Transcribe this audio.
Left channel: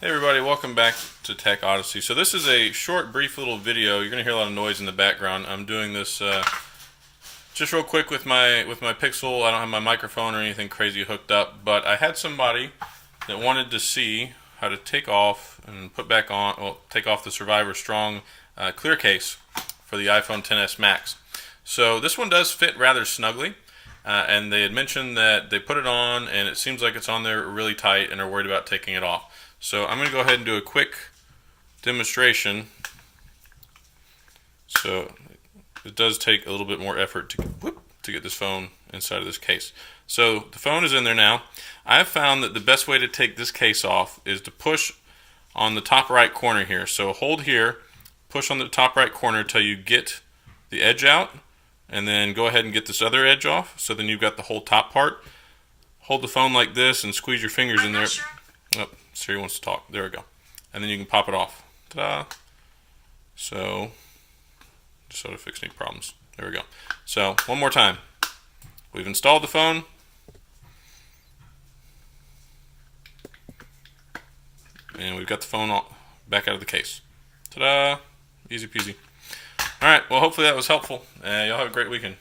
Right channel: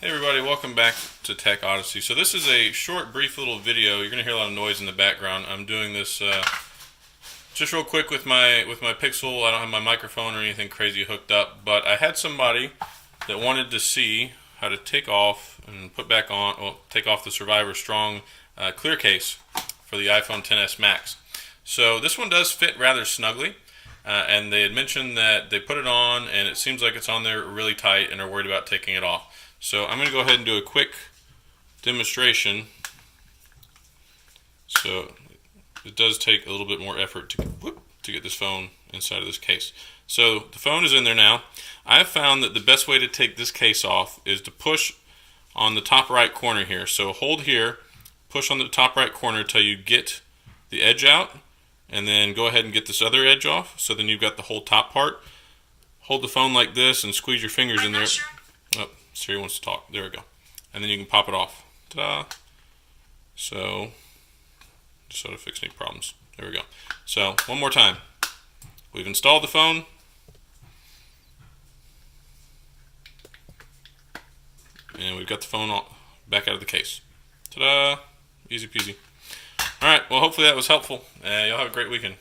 Hey everybody, welcome back to Tech Odyssey. So this is a short, brief little video. You're going to hear a lot of noise in the background. I'm doing this just real quick with my Pixel. I don't have my microphone or anything crazy hooked up, but I had somebody that wanted to see how to take off and put back on, well, take off the Survivor Strong clear case for the iPhone XS Max. So this one does fit rather snugly, and they had mentioned that they put it on and it seems like it's on there really tight and are worried about taking it off. So I'm going to go ahead and do a quick demonstration. So it does take a little bit more effort to get this phone inside of this case. So the phone is in there now. I've found that the best way to take this case off is to push on the top right corner here. So hold here, push on the top right corner until you get the edge out, and then go ahead and get this other edge off. So then you've got the whole top part. Hold the phone like this and squeeze your fingers in there. Oh, Siri wants to talk. There we go. And then you can pop it off. Ta-da! So, just sort of fix any problems. There we go. So, one more time. We've installed the phone. And we've got the phone back out of the case. Ta-da! Easy peasy. Alright, well hopefully that was helpful. Y'all have a great weekend.